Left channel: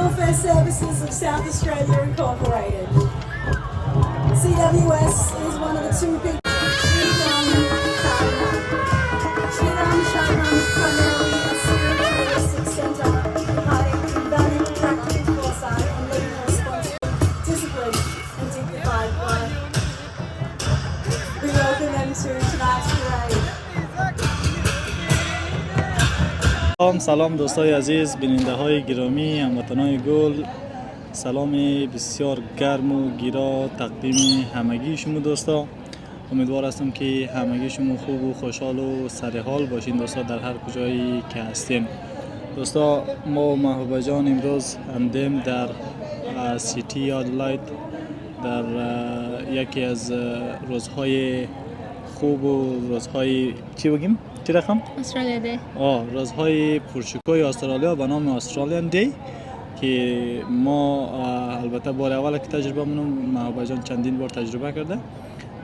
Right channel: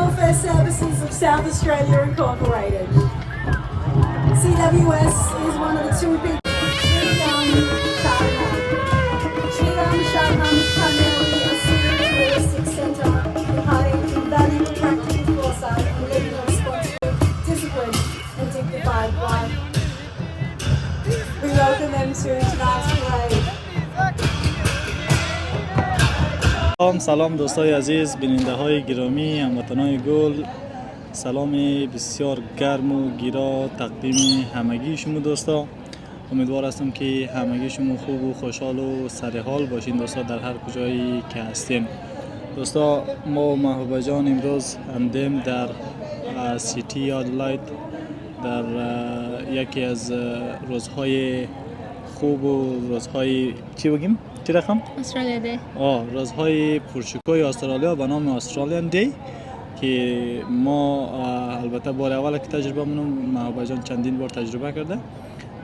Welfare Services of South Australia Incorporated. CWS is one of the two big سلام دوستای عزیز، بیننده های گرامی، هموطنان گل، سلام بسیار گرم و گیرا تقدیم همگی شما دوستا. امیدوار هستم که همگی شما خوب و خوشحال و سرحال باشین دوستا در هر کجایی که هستین. دوستا ما محبوبه جان امروز همدم در سیتی آدلاید در یکی از روزهای خوب و روزهای چی بگیم؟ چی رقم؟ استرالیا دی. روزهای پرشکوه استرالیا به نام استرالیان دی که ما البته بار اول که تجربه منم محبوبه جان چندین بار تجربه کرده.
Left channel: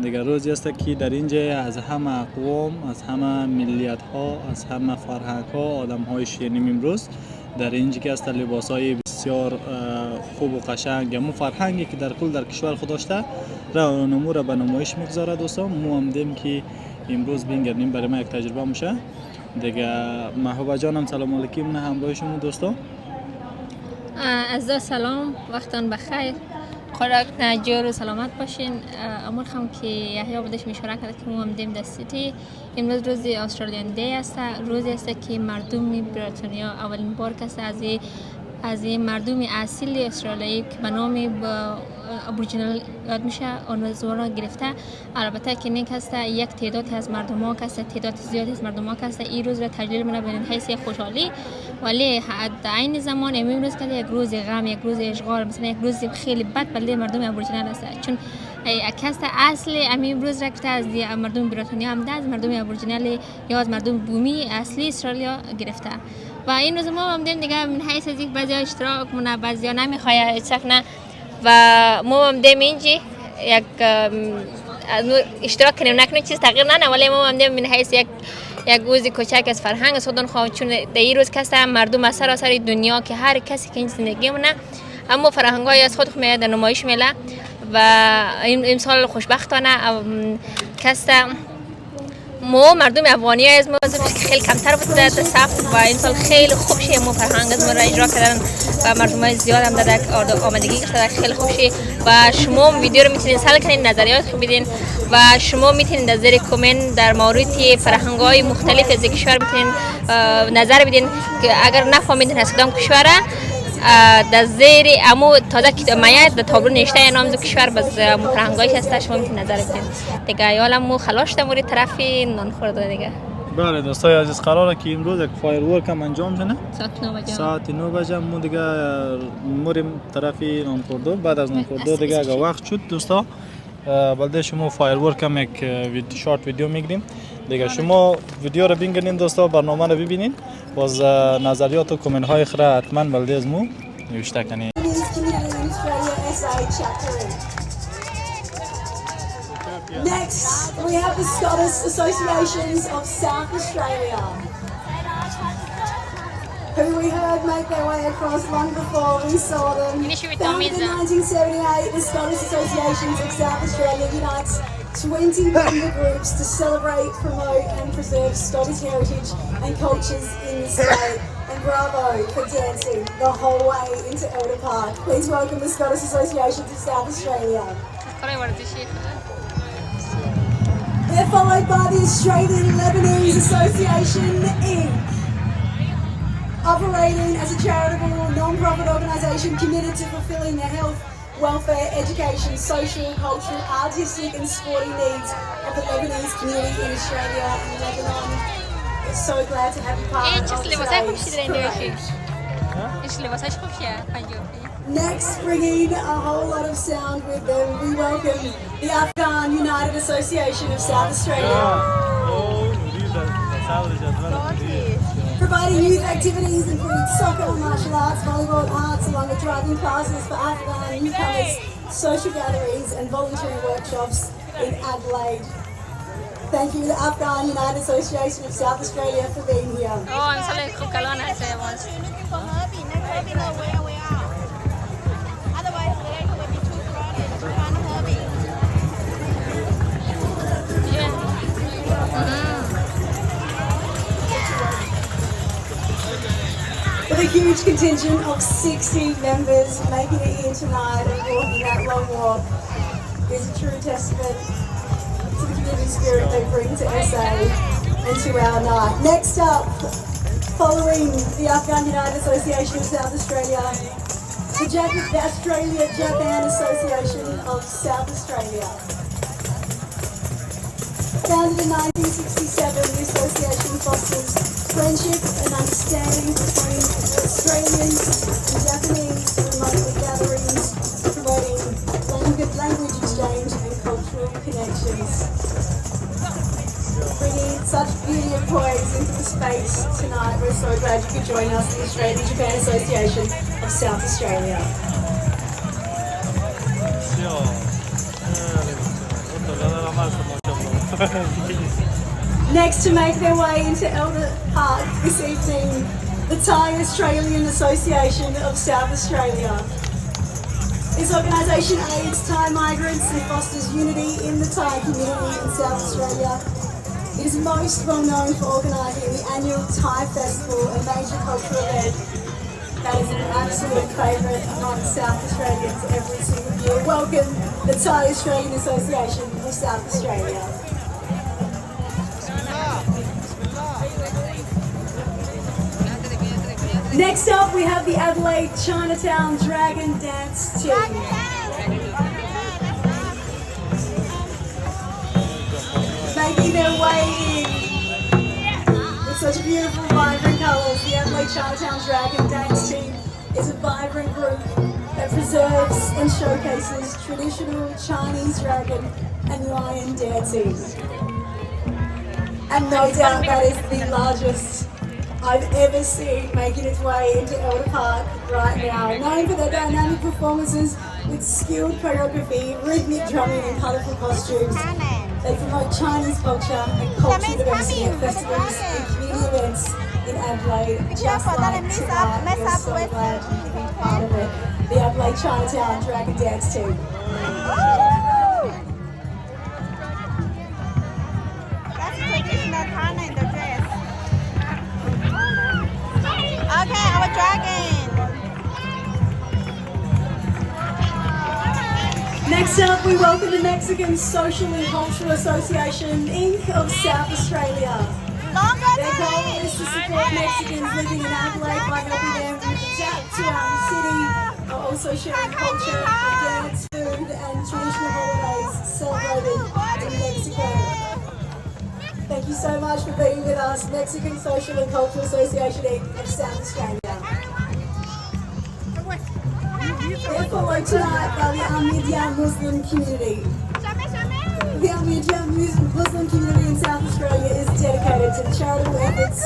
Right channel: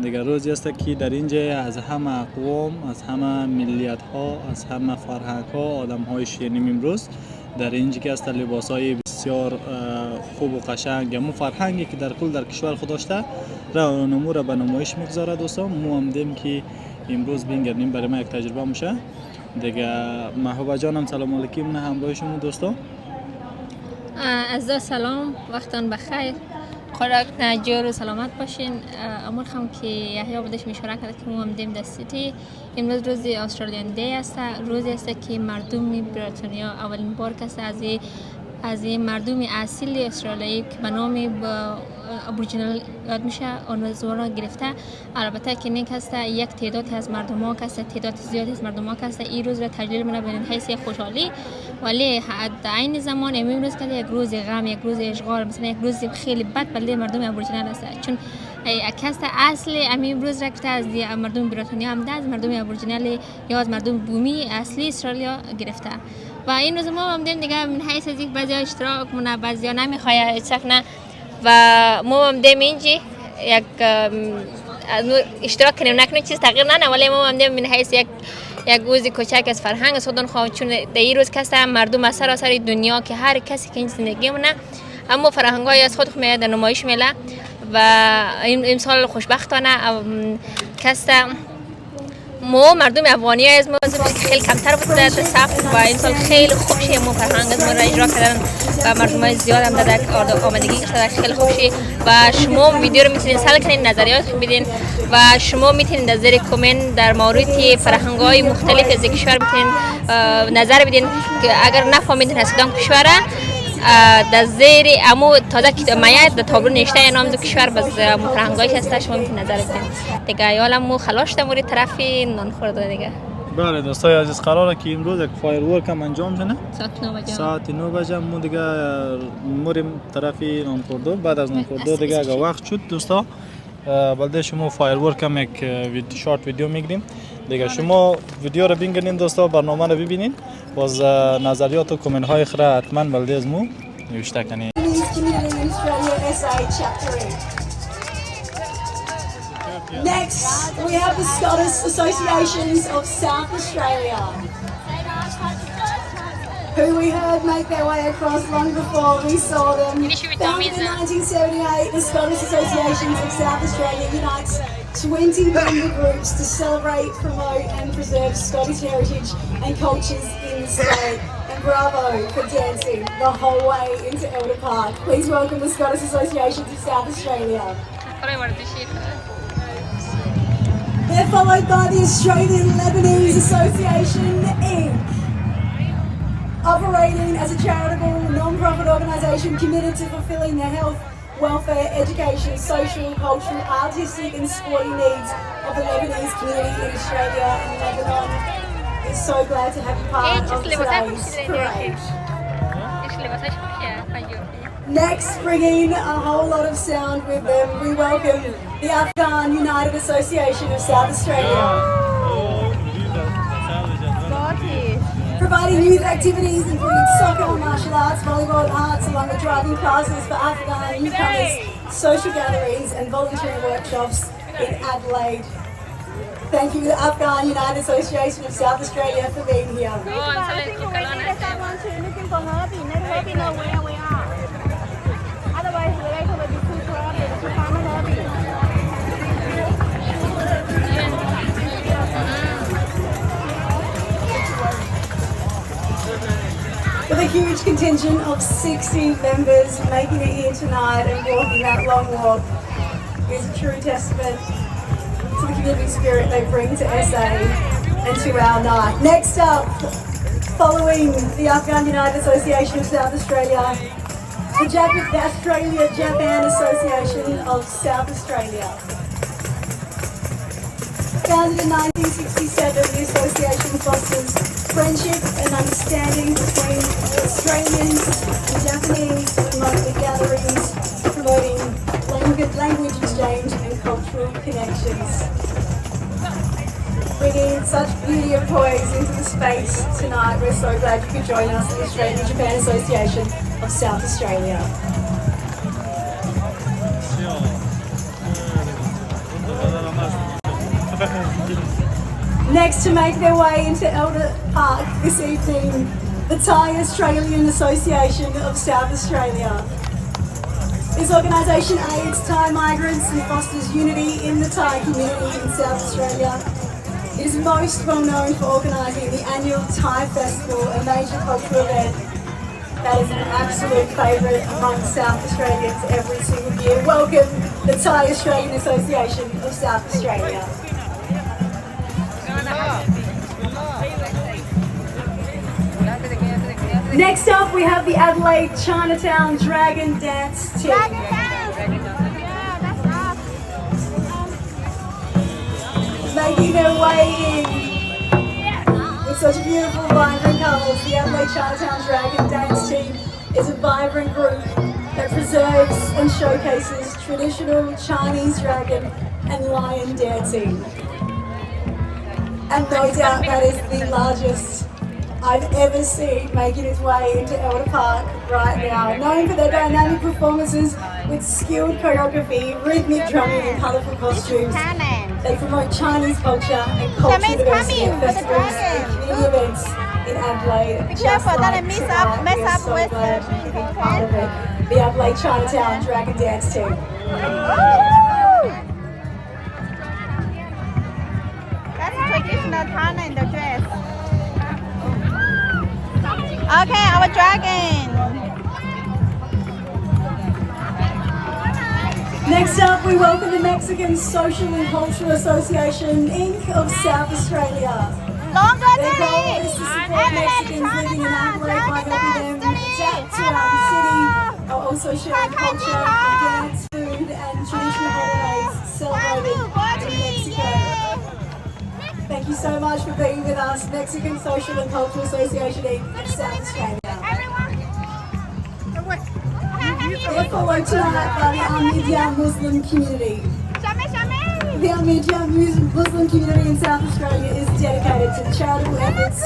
دیگر روزی است که در اینجا از همه اقوام، از همه ملیت ها، از همه فرهنگ ها آدم های شیرینیم امروز در اینجا که است لباس های بسیار خوب و قشنگ همون فرهنگی که در کل در کشور خود داشته را نمو را به نمایش میگذاره دوستان. ما هم دیم که امروز بینگردیم برای ما یک تجربه میشه دیگه. محبوبه جانم سلام علیکم، نه همراه شما دوستا. از سلام، وقتان بخیر، خوراک نجور و سلامت باشین. امور خم که یحیی بودش میشوره کرد که ما هم دیم در سیتی. امروز روز استرالیان دی است، روزی است که مردم بریتانیا اولین بار کس از مردم اصیل استرالیایی که به نام ابوریجینال یاد میشه آن زورا گرفته. البته که نیک است یک تعدادی از مردم ها کس تعداد زیادی از مردم ها کس این روز را تجلیل منه به حیث خوشحالی، ولی در عین زمان امروز که یک روز غم، یک روز اشغال، مثلا یک روز خیلی بد برای مردم ابوریجینال است، چون کس اصل امروز را که از مردم بریتانیا هم از مردم ابوریجینال یا از مردم بومی اصلی استرالیا گرفته. و این روز ما هم دیگه من حیث از یک بعضی اشتراک مونه، بعضی نمیخواه اشتراک و ما هم دیم اینجا یک اشتراک کنیم نکنیم چیز تغییر نه، ولی ما هم دیم من حیث یک گوزی کوچک از فرهنگ سودان خواهم، چون در این روز کسی مردم از سراسر دنیا که هر کسی که این زندگی مونه اما فرهنگای از خود میاد در نمایش میله و این سال خوشبختانه کسی ما مردم افغانی از ما خیلی کمتر بود در صف و این سال خیلی خوب شه ما فرهنگ از ما را اجرا کردن و مردم های زیاد هم در آمادگی کردن خیلی خوب شه. و شما ویدیو رو میتونین سال کنین، نظریات بدین و شما میتونین در زیر کامنت در مورد فرهنگ های مختلف از کشور میتونین نظر بدین که اگر نفهمیدین از کدام کشوره در زیر امو تازه که میاد در تابلو نوشته نام از کشور باز فرهنگایش هست، شما میتونین نظر بدین دیگه. یالا مو خلاص در طرف نان خورده دیگه. بله دوستای عزیز، قراره که امروز یک فایرورک هم انجام شده ساعت 9 بجه ما دیگه موریم طرف نانخوردو. بعد از نانخوردو دیگه اگه وقت شد دوستا بلده شما فایرورک هم یک شارت ویدیو میگیریم دیگه. شما ویدیو رو بینگردین دوستا، برنامه رو ببینین، باز نظریات و کامنت های خیره حتما بلده از مو نوشته کنین. Next, we have the Scottish Associations of South Australia, who we heard make their way across long before we saw them. Founded in 1978, the Scottish Associations of South Australia unites 20 member groups to celebrate, promote and preserve Scottish heritage and cultures in the state. And bravo for dancing the whole way into Elder Park. Please welcome the Scottish Associations of South Australia. They're followed by the Australian Lebanese Association Inc., operating as a charitable non-profit organisation committed to fulfilling the health, welfare, education, social, cultural, artistic and sporting needs of the Lebanese community in Australia and Lebanon. We're so glad to have you part of today's parade. Next, bringing a whole lot of sound with them, we welcome the Afghan United Association of South Australia. Providing youth activities including soccer, martial arts, volleyball, arts, along with driving classes for Afghan newcomers, social gatherings and volunteering workshops in Adelaide. Thank you to the Afghan United Association of South Australia for being here. huge contingent of 60 members making it here tonight and walking that long walk is a true testament to the community spirit they bring to SA and to our night. Next up, following the Afghan United Association of South Australia, the Australia-Japan Association of South Australia. Founded in 1967, the association fosters friendship and understanding between Australians and Japanese and monthly gatherings, promoting language exchange and cultural connections. Bringing such beauty and poise into the space tonight, we're so glad you could join us in the Australia-Japan Association of South Australia. Next to make their way into Albert Park this evening, the Thai Australian Association of South Australia. This organisation aids Thai migrants and fosters unity in the Thai community in South Australia. It is most well known for organising the annual Thai Festival, a major cultural event that is an absolute favourite among South Australians every single year. Welcome, the Thai Australian Association of South Australia. Next up, we have the Adelaide Chinatown Dragon Dance Team. Making their way in with such beautiful, vibrant colours, the Adelaide Chinatown Dragon Dance Team is a vibrant group that preserves and showcases traditional Chinese dragon and lion dancing. And no doubt that is the largest I've ever seen making its way into Albert Park right now. Known for their dynamic performances with skilled choreography, rhythmic drumming and colourful costumes, they promote Chinese culture and cultural diversity at festivals and community events in Adelaide. Just like tonight, we are so glad you can be part of it. The Adelaide Chinatown Dragon Dance Team. Next up, we welcome the Mexican Social and Cultural Association, Inc. of South Australia. Their goal is to support Mexicans living in Adelaide by helping them adapt to our city, while also sharing culture, dance, food and traditional holidays celebrated in Mexico. Thank you so much for being with us, Mexican Social and Cultural Association, Inc. of South Australia. They're followed tonight by the Ahmadiyya Muslim community. The Ahmadiyya Muslim community in South Australia is dedicated to charitable efforts,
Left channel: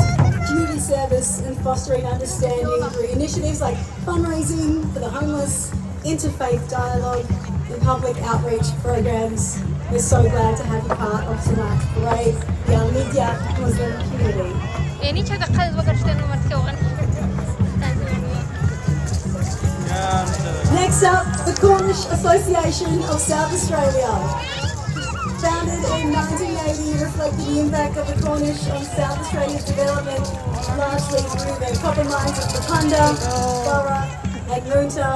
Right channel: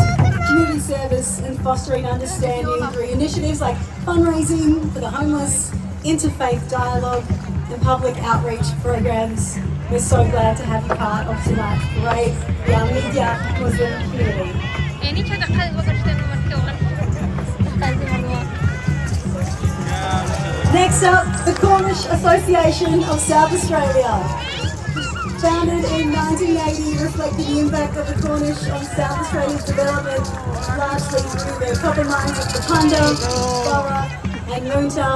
community service and fostering understanding through initiatives like fundraising for the homeless, interfaith dialogue and public outreach programs. We're so glad to have you part of tonight's parade, the Ahmadiyya Muslim community. Next up, the Cornish Association of South Australia. Founded in 1980, reflecting the impact of the Cornish on South Australia's development, largely through their copper mines of Bakunda, Borough and Moonta.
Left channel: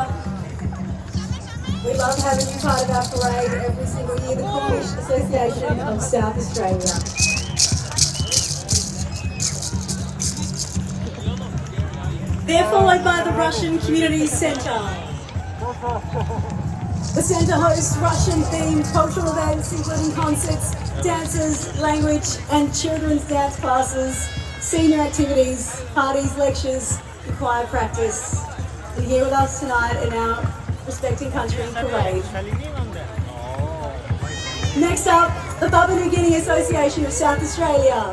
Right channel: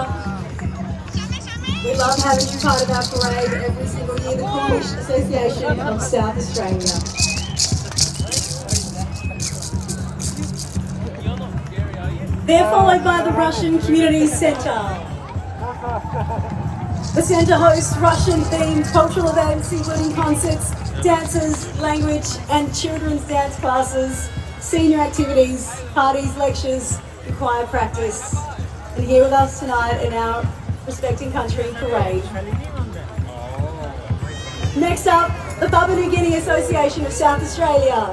We love having you part of our parade every single year, the Cornish Association of South Australia. They're followed by the Russian Community Centre. The centre hosts Russian-themed cultural events, including concerts, dances, language and children's dance classes, senior activities, parties, lectures and choir practice. And here with us tonight in our Respecting Country Parade. Next up, the Papua New Guinea Association of South Australia.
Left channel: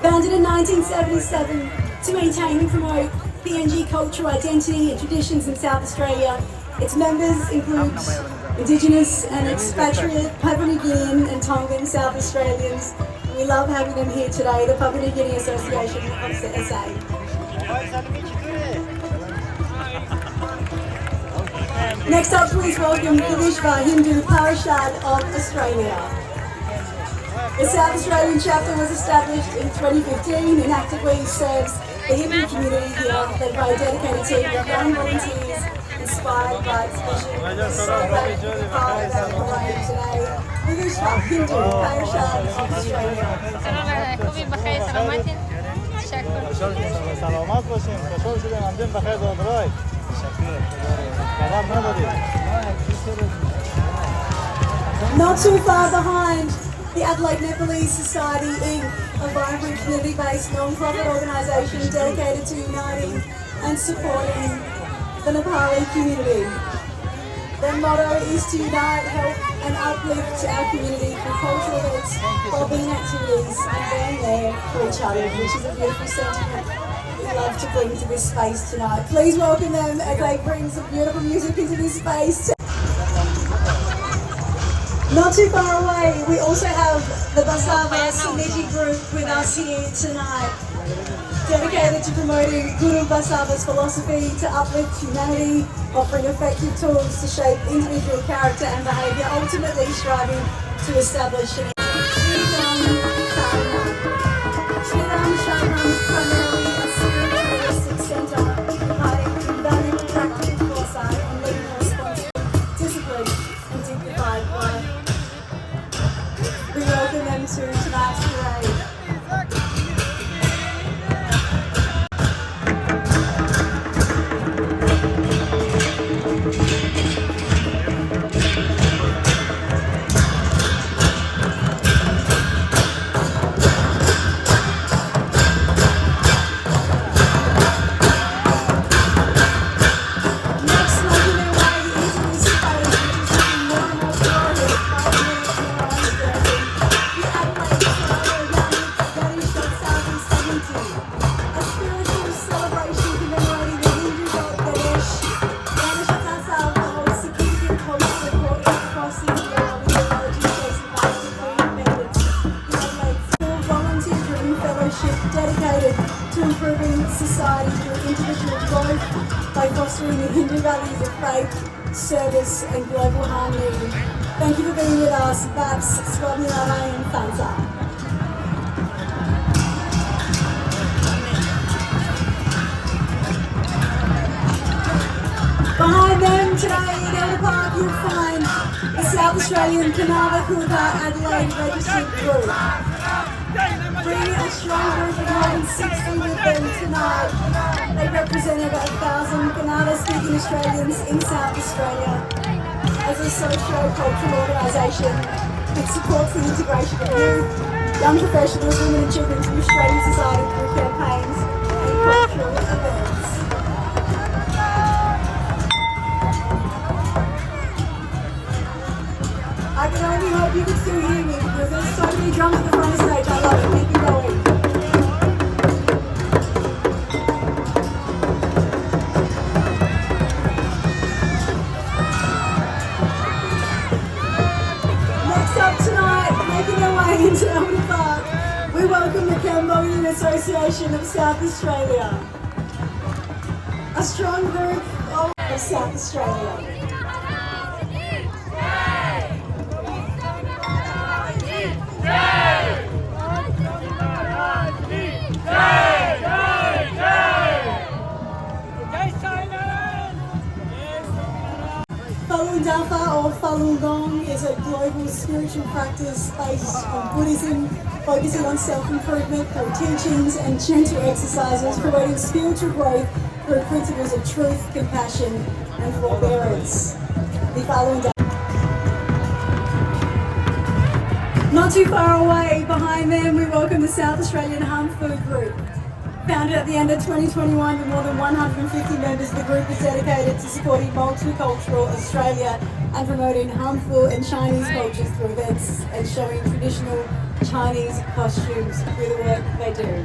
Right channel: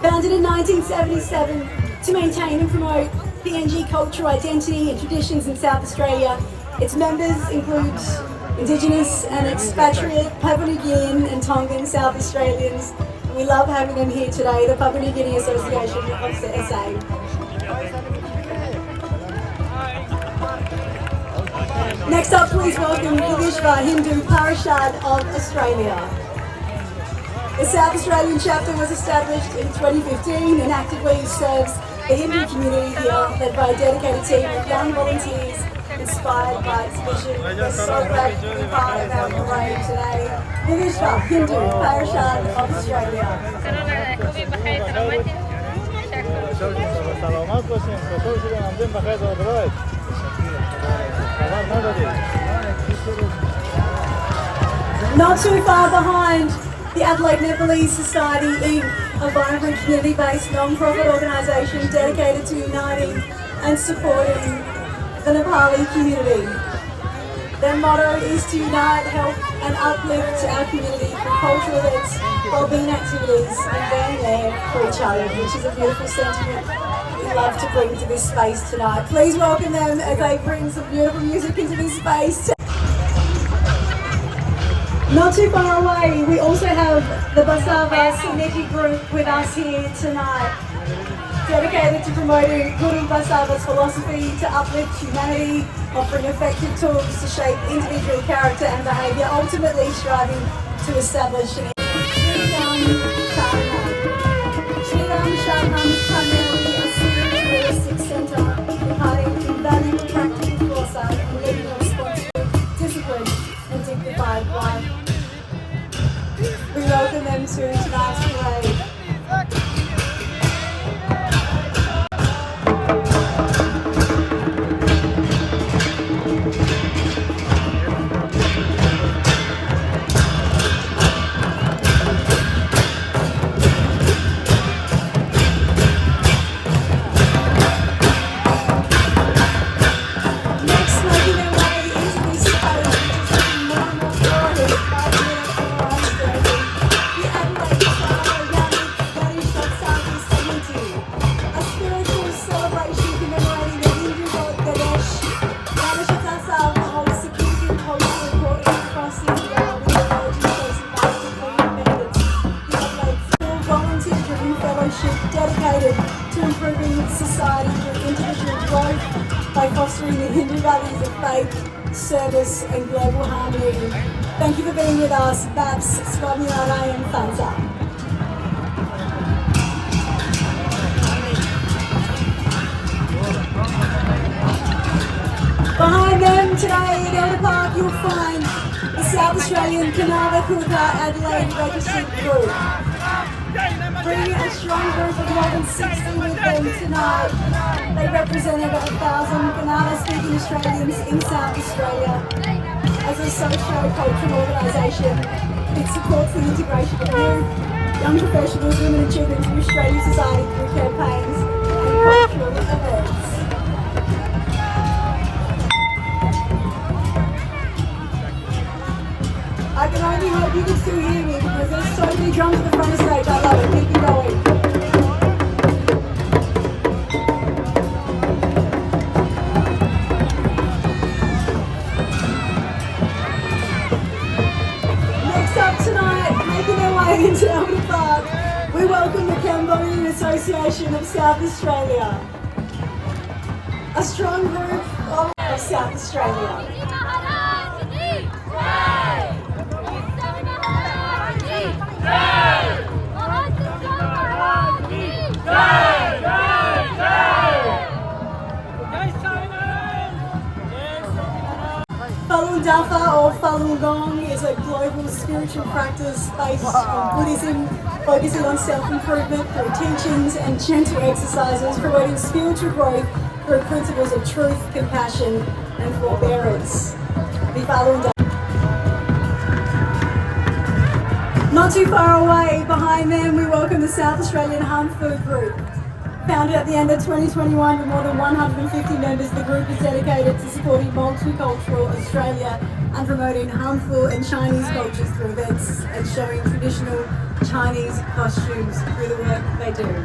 Founded in 1977 to maintain and promote PNG cultural identity and traditions in South Australia. Its members include Indigenous and expatriate Papua New Guinean and Tongan South Australians. We love having them here today, the Papua New Guinea Association of SA. Next up, please welcome the Vishva Hindu Parishad of Australia. The South Australian chapter was established in 2015 and actively serves the Hindu community here. They've got a dedicated team of young volunteers inspired by its vision. We're so glad to be part of our parade today. Navishka, Hindu, Parashad, Australia. Not too far behind, the Adelaide Nepalese Society Inc., a vibrant community-based non-profit organisation dedicated to uniting and supporting the Nepali community. Their motto is to unite, help and uplift our community through cultural events, well-being activities and being there for each other, which is a beautiful sentiment we love to bring to this space tonight. Please welcome them as they bring some beautiful music into this space. Not too far away, we also have the Basava Suniti group with us here tonight, dedicated to promoting Guru Basava's philosophy to uplift humanity, offering effective tools to shape individual character and behaviour, ultimately striving to establish an dedicated to improving society through individual growth by fostering the Hindu values of faith, service and global harmony. Thank you for being with us, Babs, Swamilana and Fanta. Behind them today in Elder Park you'll find the South Australian Kanava Kuta Adelaide Registered Group. Bringing a strong group of more than 60 with them tonight. They represented 1,000 Kannada-speaking Australians in South Australia as a socio-cultural organisation that supports the integration of youth, young professionals, women and children to Australian society through campaigns and cultural events. I can only hope you can still hear me because there's so many drums at the front of the stage. I love it. Keep it going. Next up tonight, making their way into Elder Park, we welcome the Cambodian Association of South Australia. A strong group of South Australia. Falun Dafa or Falun Gong is a global spiritual practice based on Buddhism, focusing on self-improvement through teachings and gentle exercises, promoting spiritual growth through principles of truth, compassion and forbearance. The Falun Dafa. Not too far away, behind them, we welcome the South Australian Hum Food Group. Founded at the end of 2021 with more than 150 members, the group is dedicated to supporting multicultural Australia and promoting harmful and Chinese cultures through events and showing traditional Chinese costumes through the work they do.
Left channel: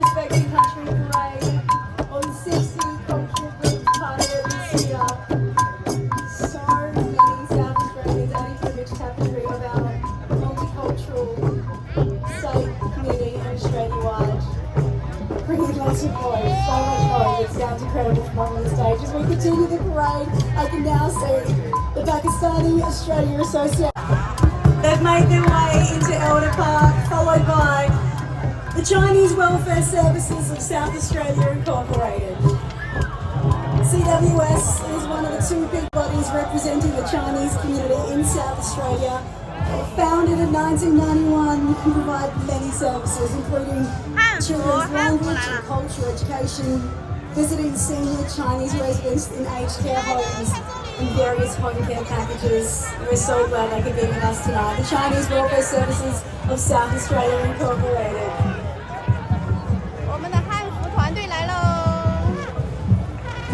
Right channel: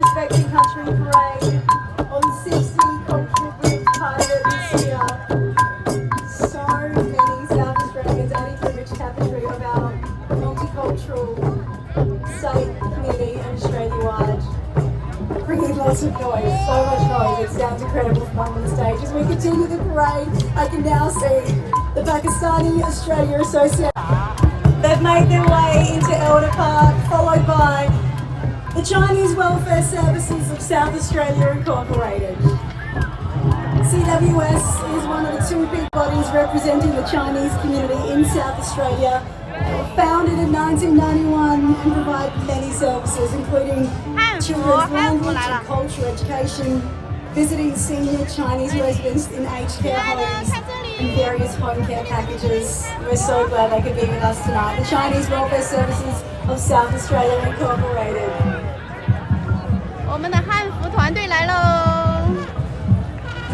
Respecting Country Parade on 60 cultural groups piloted this year. lots of noise, so much noise. It sounds incredible from on the stage. As we continue the parade, I can now see the Pakistani Australia Association. They've made their way into Elder Park, followed by the Chinese Welfare Services of South Australia Incorporated. CWS is one of the two big bodies representing the Chinese community in South Australia. They were founded in 1991 and provide many services, including children's language and culture education, visiting senior Chinese residents in aged care homes, and various home care packages. We're so glad they could be with us tonight. The Chinese Welfare Services of South Australia Incorporated.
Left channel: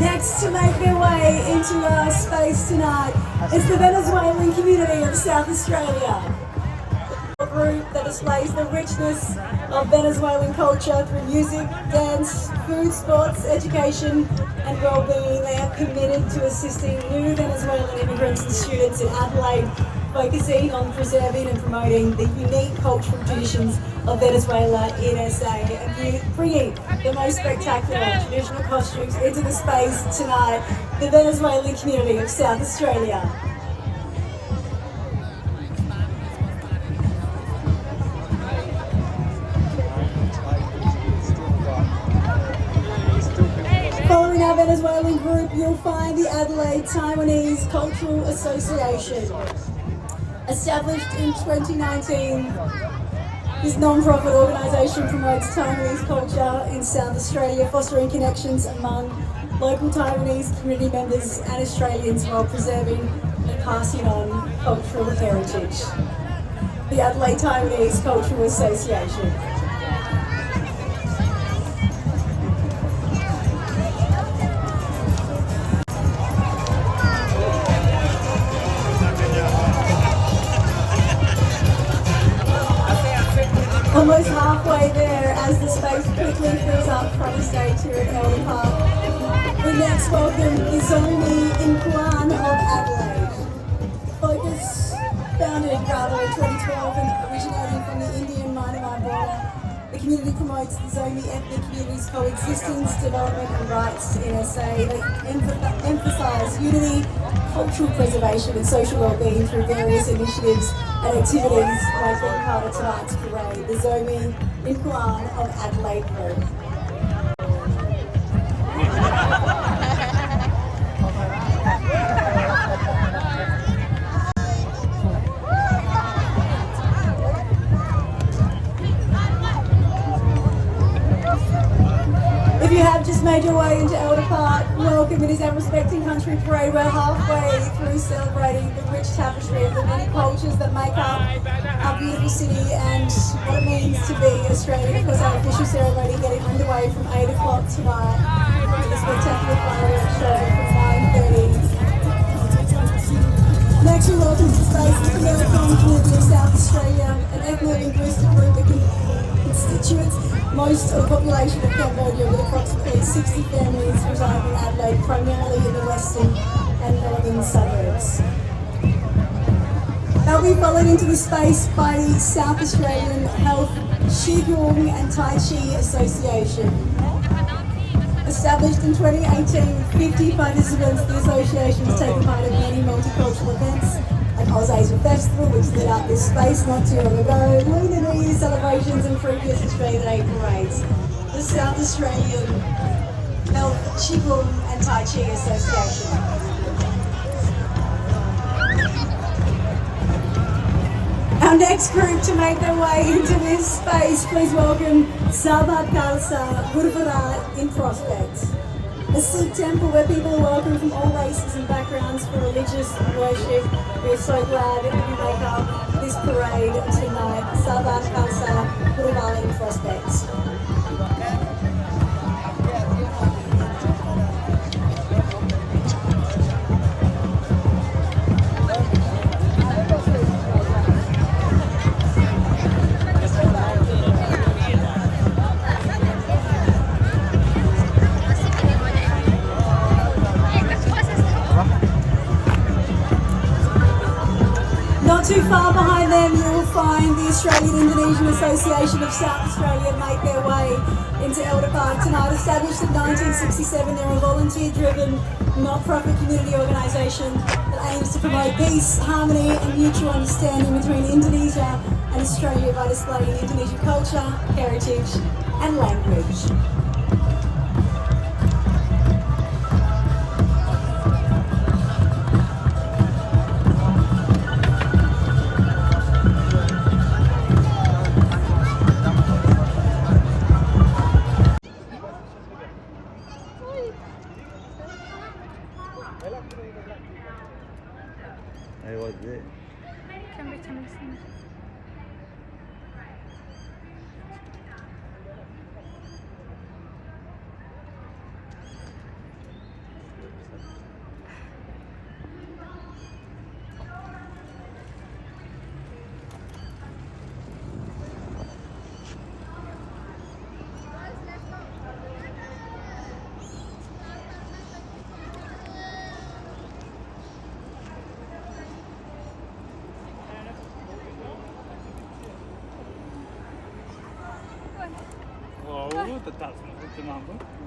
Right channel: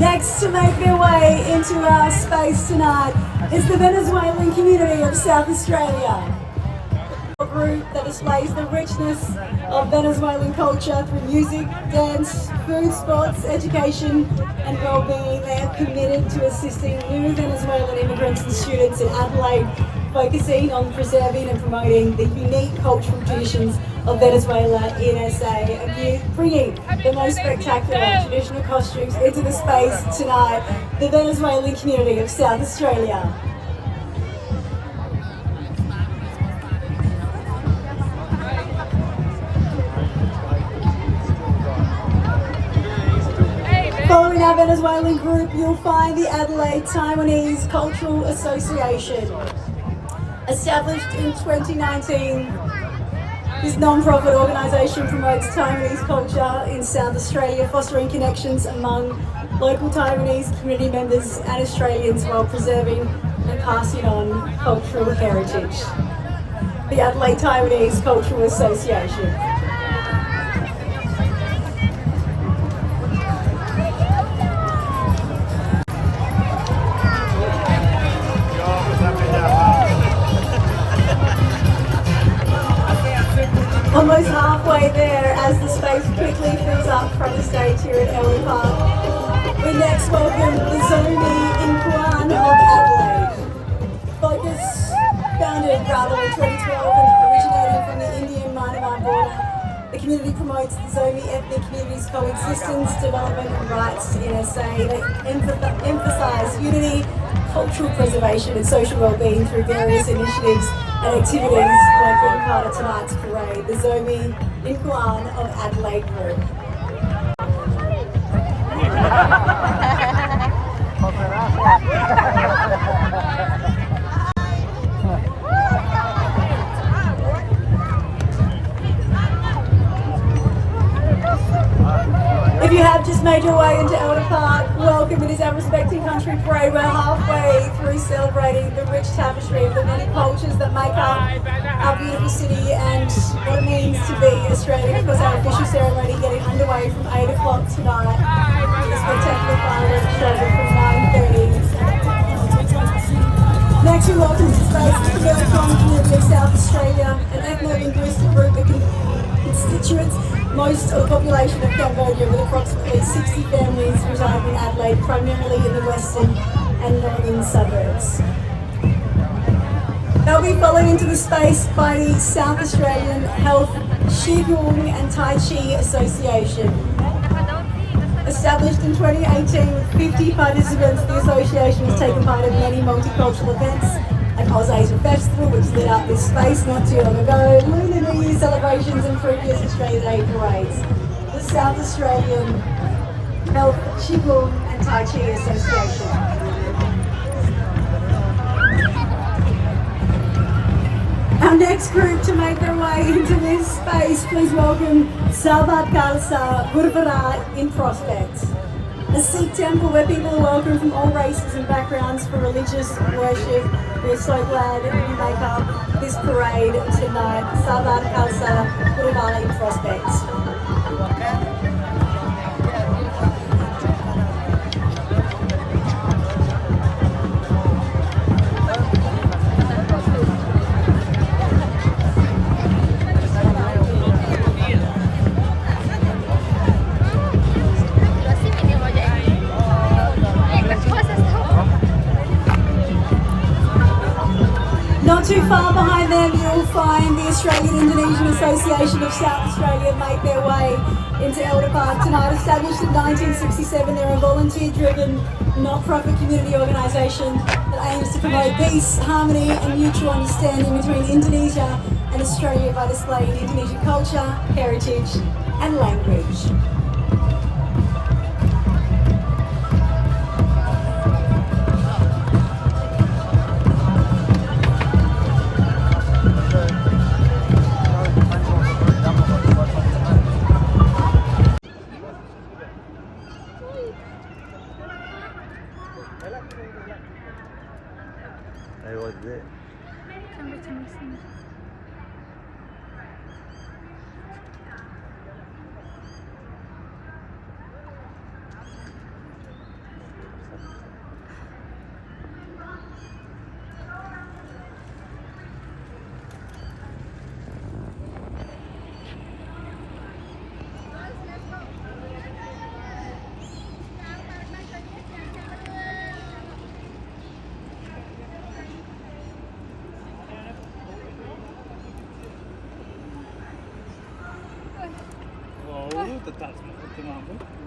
Next to make their way into our space tonight is the Venezuelan community of South Australia. A group that displays the richness of Venezuelan culture through music, dance, food, sports, education and well-being. They are committed to assisting new Venezuelan immigrants and students in Adelaide, focusing on preserving and promoting the unique cultural traditions of Venezuela in SA and bringing the most spectacular traditional costumes into the space tonight, the Venezuelan community of South Australia. Following our Venezuelan group, you'll find the Adelaide Taiwanese Cultural Association. Established in 2019, this non-profit organisation promotes Taiwanese culture in South Australia, fostering connections among local Taiwanese community members and Australians while preserving and passing on cultural heritage. The Adelaide Taiwanese Cultural Association. Almost halfway there as the space quickly fills up from the stage here at Elder Park. We next welcome the Zombie in Kuan of Adelaide. Focus, founded in 2012 and originating from the Indian-Myanmar border, the community promotes the Zombie ethnic community's coexistence, development and rights in SA. They emphasise unity, cultural preservation and social well-being through various initiatives and activities like being part of tonight's parade, the Zombie in Kuan of Adelaide Group. If you have just made your way into Elder Park, welcome. It is our Respecting Country Parade. We're halfway through celebrating the rich tapestry of the many cultures that make up our beautiful city and what it means to be Australian. Of course, our official ceremony getting underway from 8 o'clock tonight. The spectacular fireworks show from 9:30. Next, we welcome to space the Venezuelan community of South Australia, an ethno-linguistic group that constituents most of the population of Cambodia, with approximately 60 families residing in Adelaide, primarily in the western and northern suburbs. They'll be followed into the space by the South Australian Health Qigong and Tai Chi Association. Established in 2018 with 50 participants, the association has taken part in many multicultural events, an Oz Asian Festival which lit up this space not too long ago, Lunar New Year celebrations and previous Australia Day parades. The South Australian Health Qigong and Tai Chi Association. Our next group to make their way into this space, please welcome Sabat Khalsa Gurdwara in Prospect. A Sikh temple where people are welcome from all races and backgrounds for religious worship. We're so glad that you make up this parade tonight. Sabat Khalsa Gurdwara in Prospect. Not too far behind them, you'll find the Australian-Indonesian Association of South Australia make their way into Elder Park tonight. Established in 1967, they're a volunteer-driven, not-profit community organisation that aims to promote peace, harmony and mutual understanding between Indonesia and Australia by displaying Indonesian culture, heritage and language. Wow, total, mambo.